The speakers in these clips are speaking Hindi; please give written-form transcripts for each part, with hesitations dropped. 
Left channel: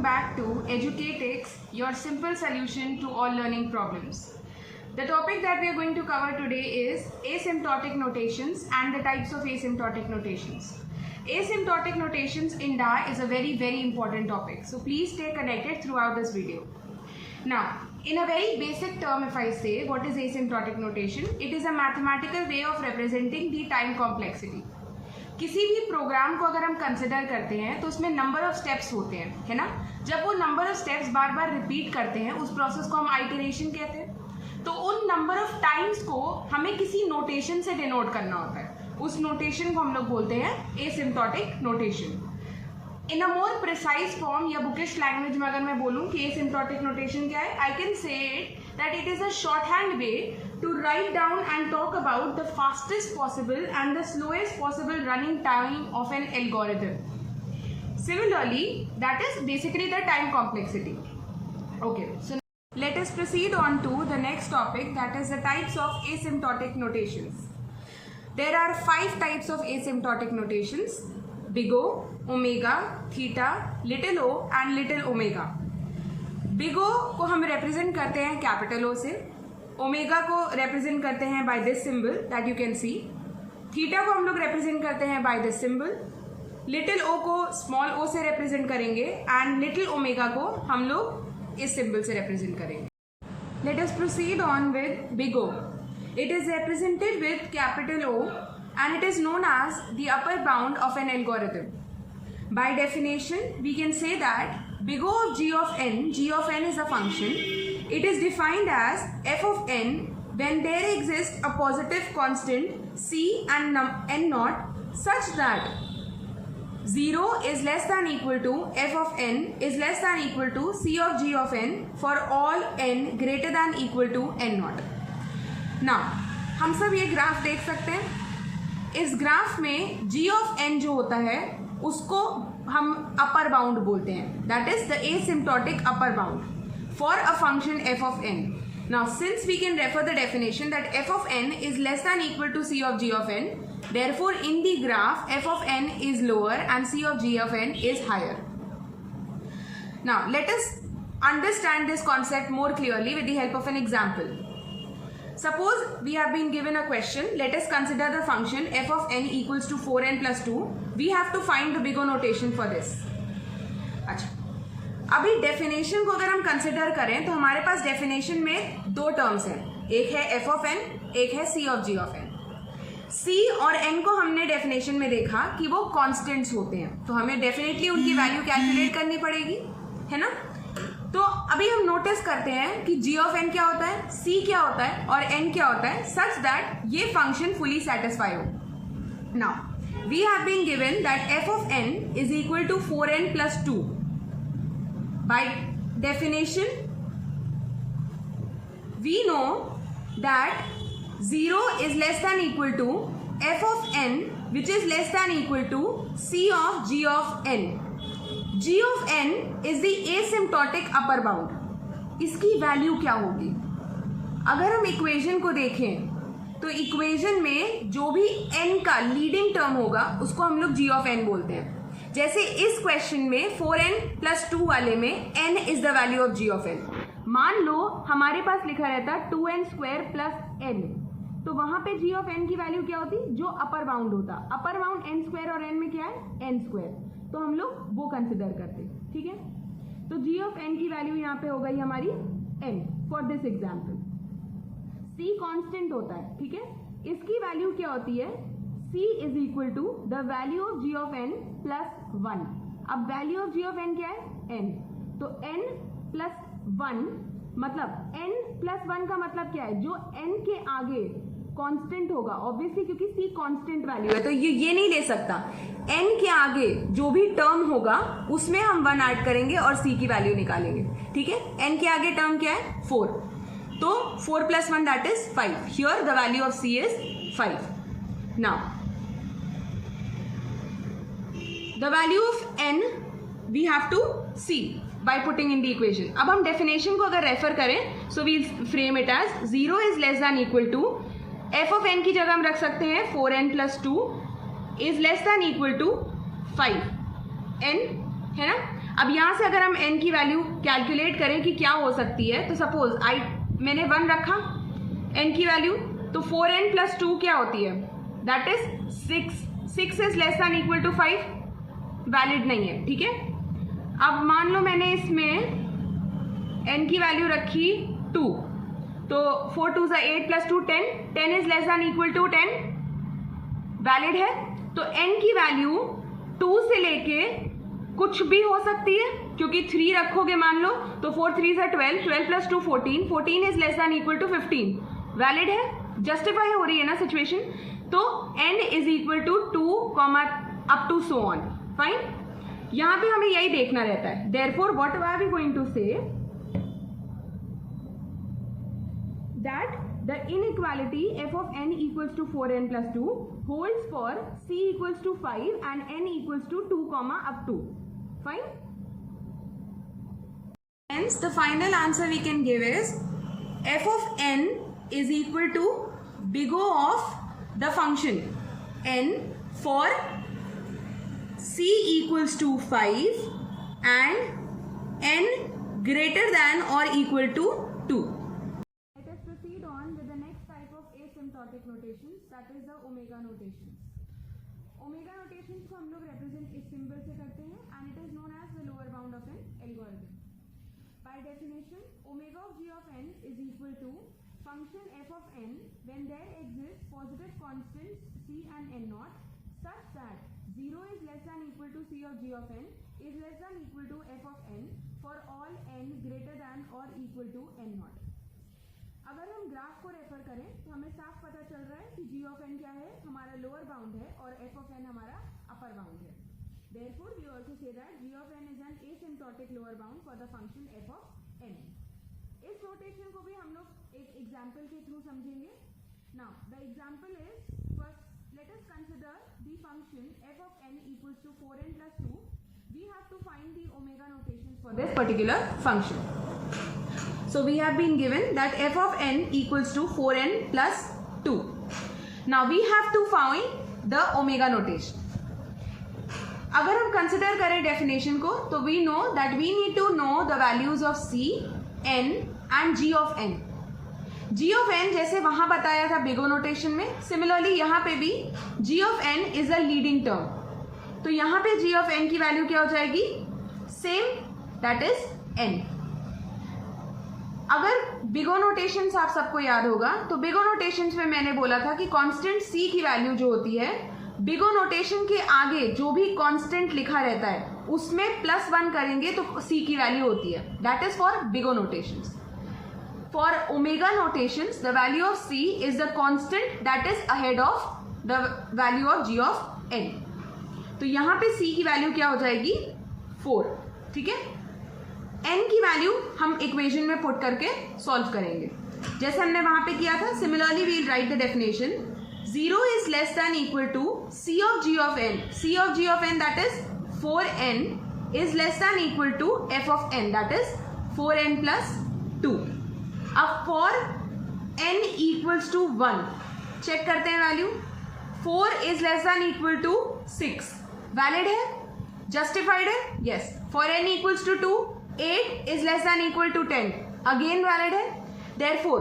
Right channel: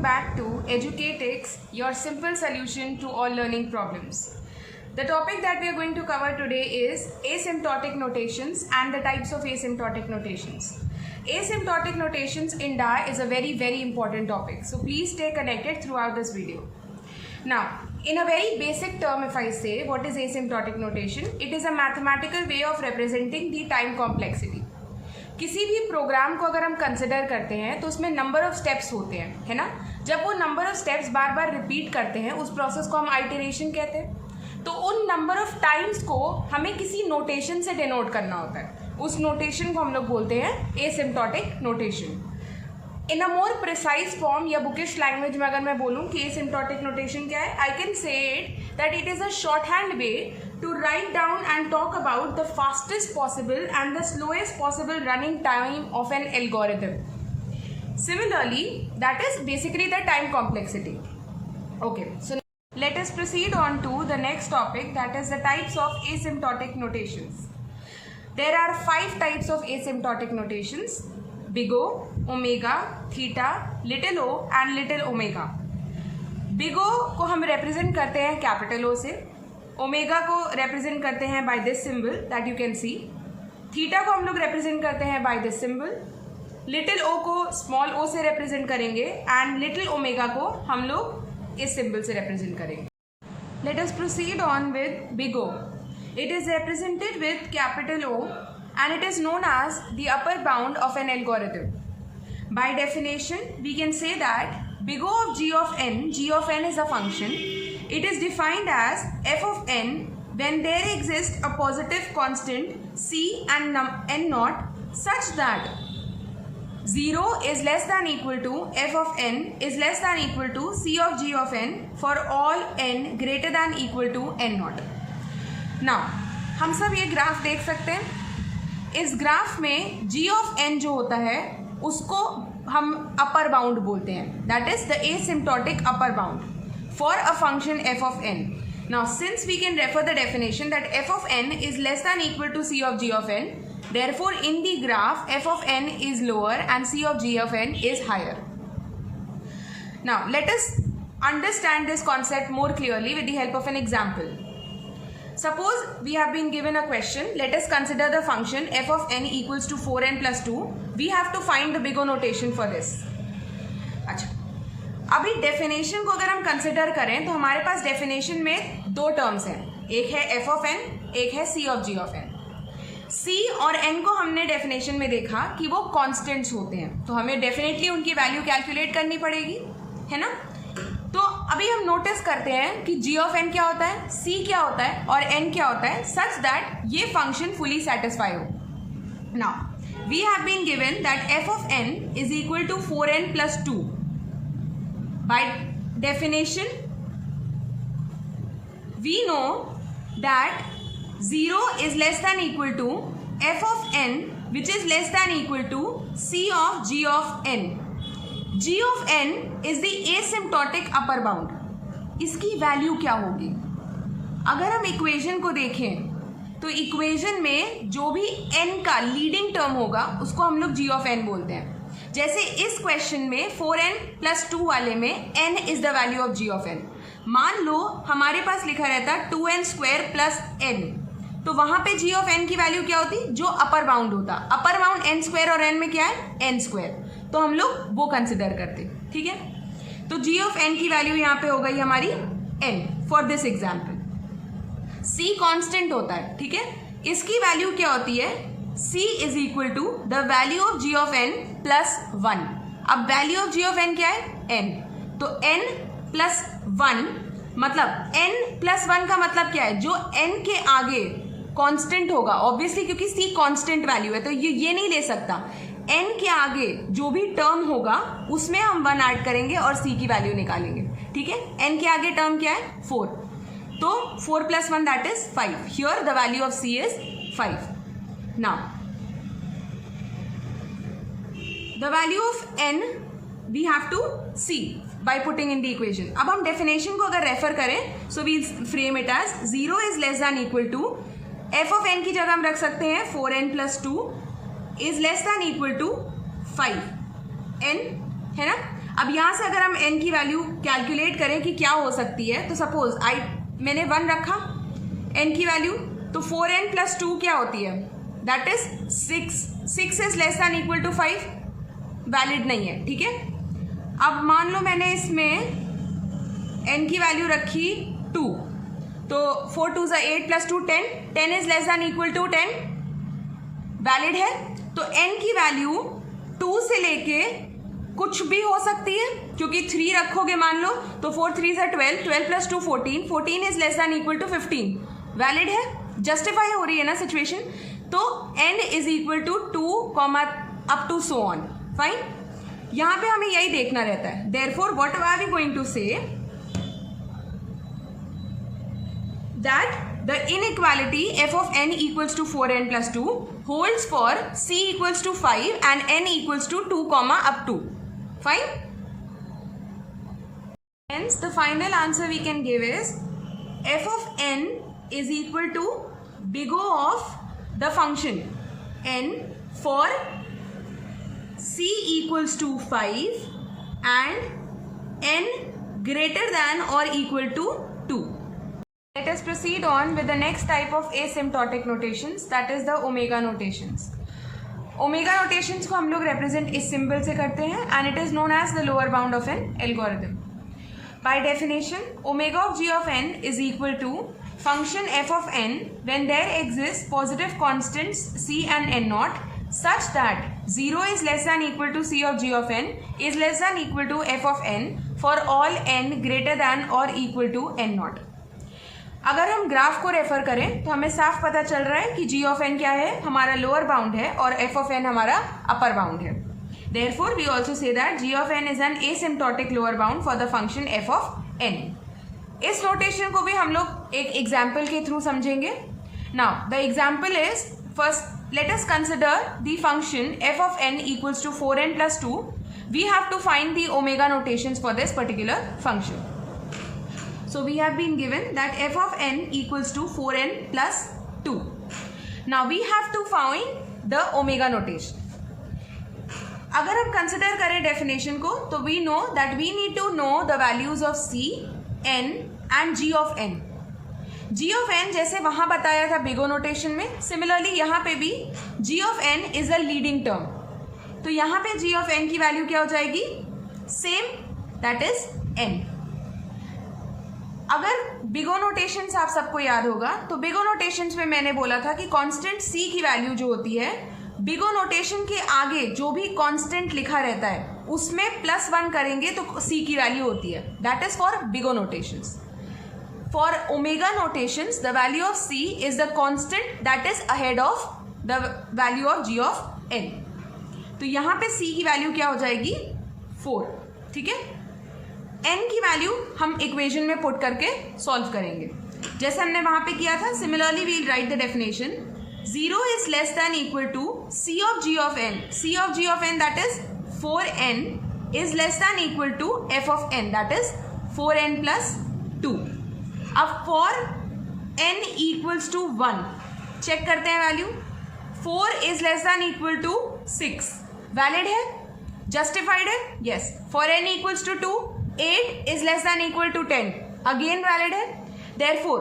welcome back to Educatix, your simple solution to all learning problems. The topic that we are going to cover today is asymptotic notations and the types of asymptotic notations. Asymptotic notations in DA is a very important topic, so please stay connected throughout this video. Now, in a very basic term, if I say what is asymptotic notation, it is a mathematical way of representing the time complexity. किसी भी प्रोग्राम को अगर हम कंसिडर करते हैं तो उसमें नंबर ऑफ स्टेप्स होते हैं, है ना. जब वो number of steps bar bar repeat करते हैं उस प्रोसेस को हम आइटरेशन कहते हैं. तो उन नंबर ऑफ टाइम्स को हमें किसी नोटेशन से डिनोट करना होता है. उस नोटेशन को हम लोग बोलते हैं एसिम्प्टोटिक नोटेशन. इन अ मोर प्रिसाइज फॉर्म या बुकिश लैंग्वेज में अगर मैं बोलूँ कि एसिम्प्टोटिक नोटेशन क्या है, I can say it that it is a short hand way to write down and talk about the fastest possible and the slowest possible running time of an algorithm. Similarly, that is basically the time complexity. Okay, so let us proceed on to the next topic, that is the types of asymptotic notations. There are 5 types of asymptotic notations: big O, omega, theta, little o and little omega. Big O को हम represent करते हैं capital O से, ओमेगा को रिप्रेजेंट करते हैं by this symbol that you can see, theta को हम लोग रिप्रेजेंट करते हैं by this symbol, little O को स्मॉल ओ से रिप्रेजेंट करेंगे एंड लिटिल ओमेगा को हम लोग इस सिंबल से रिप्रेजेंट करेंगे. Let us proceed on with big O. It is represented with capital O and it is known as the upper bound of an algorithm. By definition we can say that big O of g of n is a function. It is defined as f of n when there exists a positive constant c and n naught such that 0 is less than equal to f of n is less than equal to c of g of n for all n greater than equal to n naught. Now, हम सब ये ग्राफ देख सकते हैं. इस ग्राफ में g of n जो होता है उसको हम अपर बाउंड बोलते हैं, that is the asymptotic upper bound for a function f of n. Now, since we can refer the definition that f of n is less than equal to c of g of n, therefore in the graph f of n is lower and c of g of n is higher. Now, let us understand this concept more clearly with the help of an example. Suppose we have been given a question. Let us consider the function f of n equals to 4n plus 2. We have to find the big O notation for this. अच्छा, अभी डेफिनेशन को अगर हम कंसिडर करें तो हमारे पास डेफिनेशन में 2 टर्म्स हैं. एक है f of n, एक है c of g of n. c और n को हमने डेफिनेशन में देखा कि वो कांस्टेंट्स होते हैं, तो हमें डेफिनेटली उनकी वैल्यू कैलकुलेट करनी पड़ेगी, है ना. तो अभी हम नोटिस करते हैं कि g of n क्या होता है, c क्या होता है और n क्या होता है, सच दैट ये फंक्शन फुली सेटिस्फाई हो. Now we have been given that f of n is equal to 4n plus 2. By definition, we know that 0 is less than equal to f of n which is less than equal to c of g of n. g of n is the asymptotic upper bound. इसकी वैल्यू क्या होगी? अगर हम इक्वेशन को देखें तो इक्वेशन में जो भी n का लीडिंग टर्म होगा उसको हम लोग g of n बोलते हैं. जैसे इस क्वेश्चन में 4n plus 2 वाले में n is the value of g of n. मान लो हमारे पास लिखा रहता 2n square plus n, तो वहां पे g of n की वैल्यू क्या होती, जो अपर बाउंड होता. अपर बाउंड n स्क्वायर और n में क्या है, n स्क्वायर, तो हम लोग वो कंसिडर करते. ठीक है, तो g of n की वैल्यू यहाँ पे हो गई हमारी n for this example. c constant होता है, ठीक है. इसकी वैल्यू क्या होती है, c is equal to the value of g of n plus 1. अब value of g of n क्या है, n, तो n प्लस 1 मतलब n प्लस 1 का मतलब क्या है, जो n के आगे कांस्टेंट होगा, ऑब्वियसली क्योंकि c कांस्टेंट वैल्यू है तो ये नहीं ले सकता. n के आगे जो भी टर्म होगा उसमें हम 1 ऐड करेंगे और c की वैल्यू निकालेंगे. ठीक है, n के आगे टर्म क्या है, 4, तो 4 plus 1 that is 5. Here the value of c is 5. Now the value of n we have to see by putting in the equation. अब हम डेफिनेशन को अगर रेफर करें so we frame it as 0 is less than equal to f of n की जगह हम रख सकते हैं 4n plus 2 is less than equal to 5. n है ना. अब यहाँ से अगर हम n की वैल्यू कैलकुलेट करें कि क्या हो सकती है, तो सपोज मैंने 1 रखा n की वैल्यू, तो 4n प्लस 2 क्या होती है, that is 6 is less than equal to 5, valid नहीं है, ठीक है। अब मान लो मैंने इसमें n की वैल्यू रखी 2, तो 4 2 8 plus 2 10 is less than equal to 10, valid है। तो n की वैल्यू 2 से लेके कुछ भी हो सकती है, क्योंकि 3 रखोगे मान लो, तो 4 3 12, 12 plus 2 14, 14 is less than equal to 15, valid है, जस्टिफाई हो रही है ना सिचुएशन। तो n is equal to 2 up to so on, fine. यहां पे हमें यही देखना रहता है। Therefore what are we going to say that the inequality f of n equals to 4n plus 2 holds for c equals to 5 and n equals to 2 up to 5. Hence the final answer we can give is f of n is equal to big O of the function n for c equals to 5 and n greater than or equal to 2. Let us proceed on with the next type of asymptotic notations, that is the omega notations. Omega notations को हम लोग represent इस symbol से करते हैं and it is known as the lower bound of an algorithm. By definition, omega of g of n is equal to function f of n when there exists positive constants c and n naught such that 0 is less than equal to c of g of n is less than equal to f of n for all n greater than or equal to n naught. अगर हम ग्राफ को रेफर करें तो हमें साफ पता चल रहा है कि g ऑफ n क्या है, हमारा लोअर बाउंड है, और f ऑफ n हमारा अपर बाउंड है। Therefore we also say that g of n is an asymptotic lower bound for the function f of n। इस नोटेशन को भी हम लोग एक एग्जाम्पल के थ्रू समझेंगे। Now the example is, first let us consider the function f of n equals to 4n plus 2। We have to find the omega notations for this particular function. So we have been given that f of n equals to 4n plus 2. Now we have to find the omega notation. अगर हम कंसिडर करें डेफिनेशन को, तो we know that we need to know the values of c, n and g of n. g of n जैसे वहां बताया था बिगो नोटेशन में, सिमिलरली यहाँ पे भी g of n is a leading term. तो यहाँ पे g of n की वैल्यू क्या हो जाएगी, सेम, दैट इज n. अगर बिगो नोटेशंस आप सबको याद होगा, तो बिगो नोटेशंस में मैंने बोला था कि कांस्टेंट c की वैल्यू जो होती है, बिगो नोटेशन के आगे जो भी कांस्टेंट लिखा रहता है उसमें +1 करेंगे तो c की वैल्यू होती है, that is for big O notations. For omega notations the value of c is the constant that is ahead of the value of g of n. तो यहाँ पे c की वैल्यू क्या हो जाएगी, 4, ठीक है। n की वैल्यू हम इक्वेशन में पुट करके सॉल्व करेंगे, जैसे हमने वहां पे किया था। Similarly we'll write the definition, 0 is less than equal to c of g of n, c of g of n that is 4n is less than equal to f of n that is 4n plus 2. अब for n equals to 1 check करते हैं value, 4 is less than equal to 6, valid है, जस्टिफाइड है, yes. For n equals to 2, 8 is less than equal to 10, again valid है। Therefore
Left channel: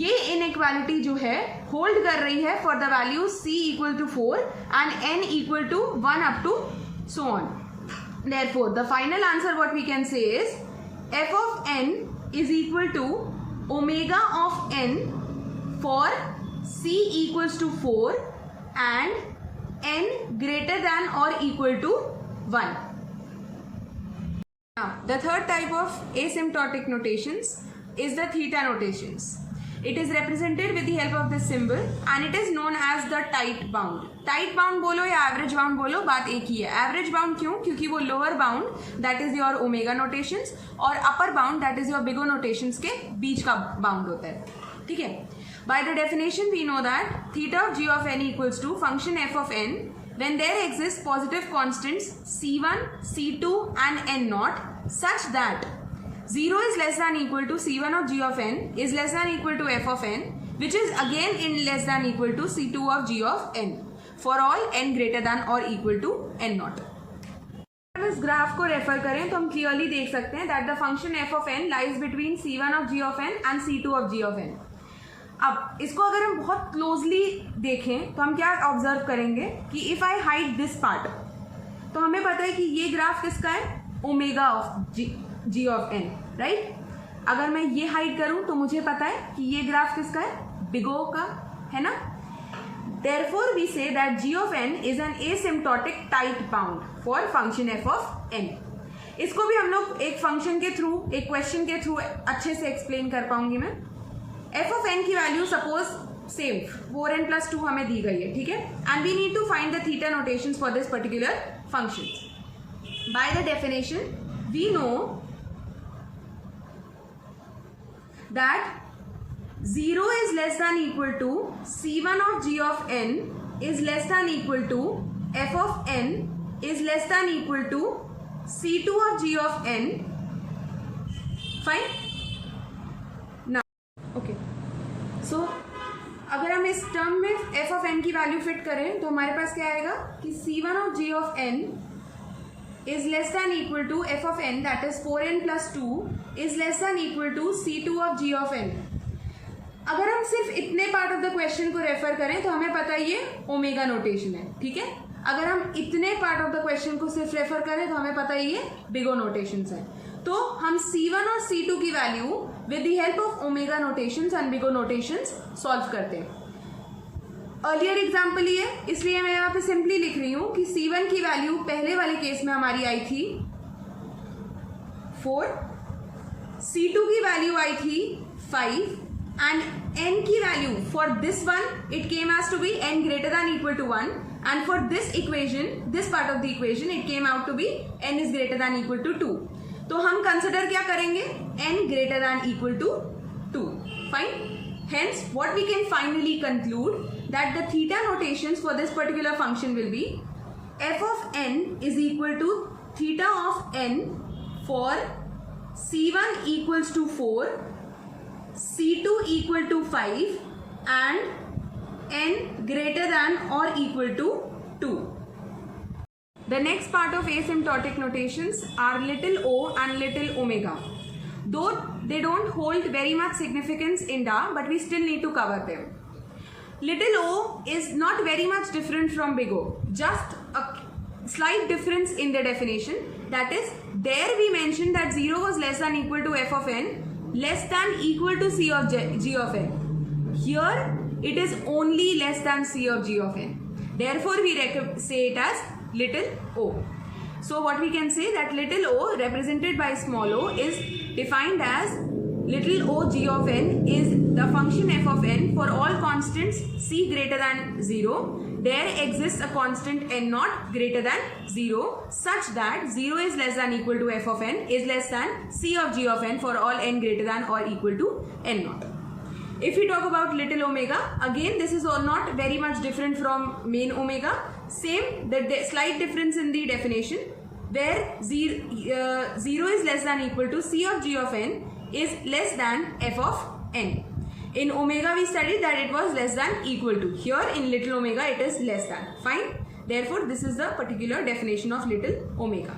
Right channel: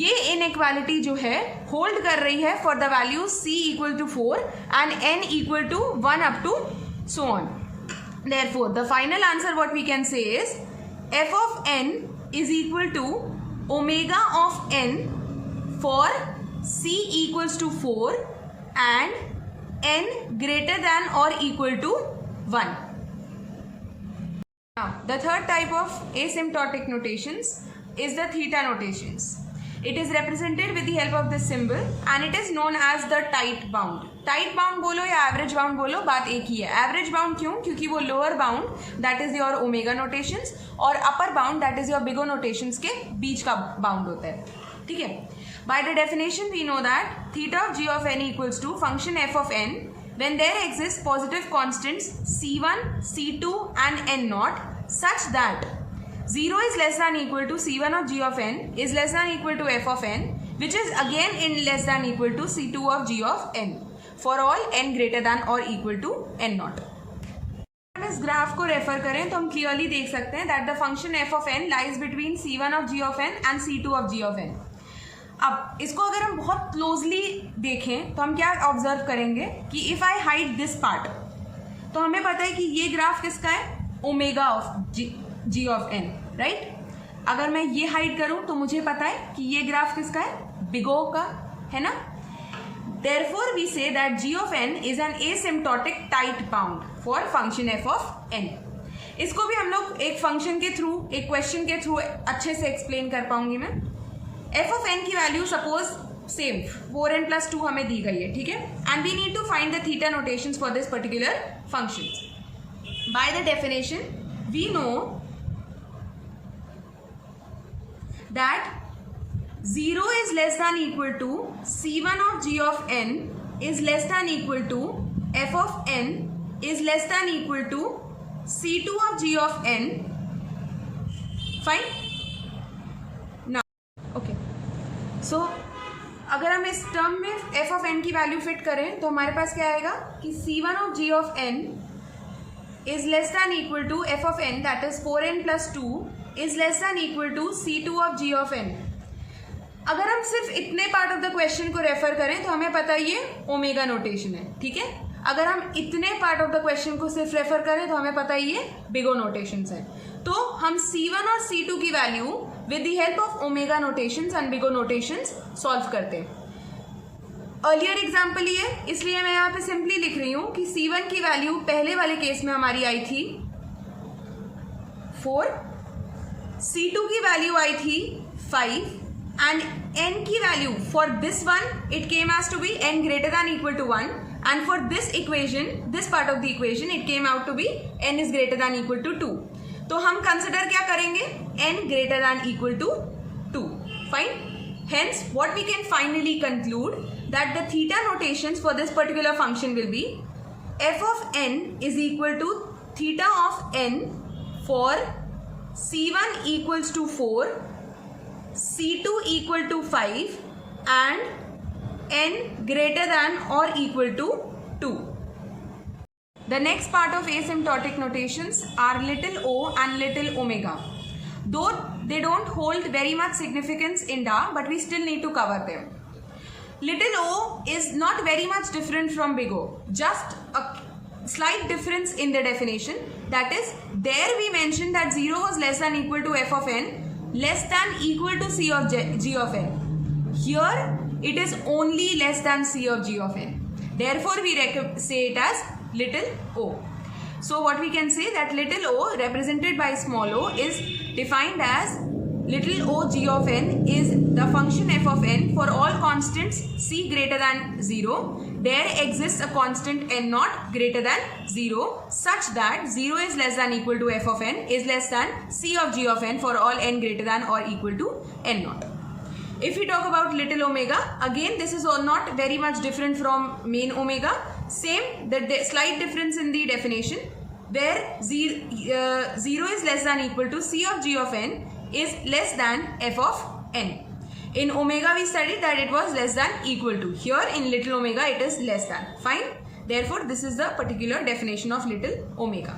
ये इनइक्वालिटी जो है होल्ड कर रही है for the value c equal to 4 and n equal to 1 up to so on. Therefore the final answer what we can say is f of n is equal to omega of n for c equals to 4 and n greater than or equal to 1. Now, the third type of asymptotic notations is the theta notations. It is represented with the help of this symbol and it is known as the tight bound. Tight bound बोलो या average bound बोलो, बात एक ही है. Average bound क्यों? क्योंकि वो lower bound that is your omega notations और upper bound that is your bigo notations के बीच का bound होता है, ठीक है. By the definition we know that theta of g of n equals to function f of n when there exist positive constants c1, c2 and n naught such that 0 is less than equal to c1 of g of n is less than equal to f of n which is again in less than equal to c2 of g of n for all n greater than or equal to n naught. हम इस ग्राफ को रेफर करें तो हम क्लियरली देख सकते हैं that the function F of N lies between c1 of g of n and c2 of g of n. अब इसको अगर हम बहुत क्लोजली देखें तो हम क्या ऑब्जर्व करेंगे कि if I hide this part, तो हमें पता है कि ये ग्राफ किसका है, omega of g of n, right. अगर मैं ये हाइड करूं तो मुझे पता है कि ये ग्राफ किसका है, बिग O का, है ना. Therefore we say that g of n is an asymptotic tight bound for function f of n. इसको भी हम लोग एक फंक्शन के थ्रू, एक क्वेश्चन के थ्रू अच्छे से एक्सप्लेन कर पाऊंगी मैं. f of n की value suppose same 4n plus 2 हमें दी गई है, ठीक है. And we need to find the theta notations for this particular function. By the definition we know that 0 is less than equal to c1 of g of n is less than equal to f of n is less than equal to c2 of g of n. Fine. Now okay, so अगर हम इस टर्म में f of n की वैल्यू फिट करें तो हमारे पास क्या आएगा कि c1 of g of n is less than equal to f of n, that is 4n plus 2 is less than equal to c2 of g of n. अगर हम सिर्फ इतने पार्ट ऑफ द क्वेश्चन को रेफर करें तो हमें पता है ये ओमेगा नोटेशन है, ठीक है. अगर हम इतने पार्ट ऑफ द क्वेश्चन को सिर्फ रेफर करें तो हमें पता है ये बिग O नोटेशंस है. तो हम c1 और c2 की value with the help of omega notations and big O notations solve करते हैं. अर्लियर एग्जाम्पल ये, इसलिए मैं यहाँ पे सिंपली लिख रही हूँ कि c1 की वैल्यू पहले वाले केस में हमारी आई थी 4, c2 की वैल्यू आई थी 5, and n की value for this one it came as to be n greater than equal to 1, and for this equation, this part of the equation, it came out to be n is greater than equal to 2. तो हम कंसिडर क्या करेंगे, n greater than equal to 2. Fine. Hence what we can finally conclude that the theta notations for this particular function will be f of n is equal to theta of n for c1 equals to 4, c2 equal to 5 and n greater than or equal to 2. The next part of asymptotic notations are little o and little omega. Though they don't hold very much significance in DA, but we still need to cover them. Little o is not very much different from big O, just a slight difference in the definition. That is, there we mentioned that 0 was less than equal to f of n, less than equal to c of g of n. Here it is only less than c of g of n. Therefore we say it as little o. So what we can say that little o represented by small o is defined as little o g of n is the function f of n for all constants c greater than 0. There exists a constant n naught greater than 0 such that 0 is less than equal to f of n is less than c of g of n for all n greater than or equal to n naught. If we talk about little omega, again this is all not very much different from main omega. Same, the slight difference in the definition where 0 is less than equal to c of g of n is less than f of n. In omega we studied that it was less than equal to. Here in little omega it is less than. Fine. Therefore this is the particular definition of little omega.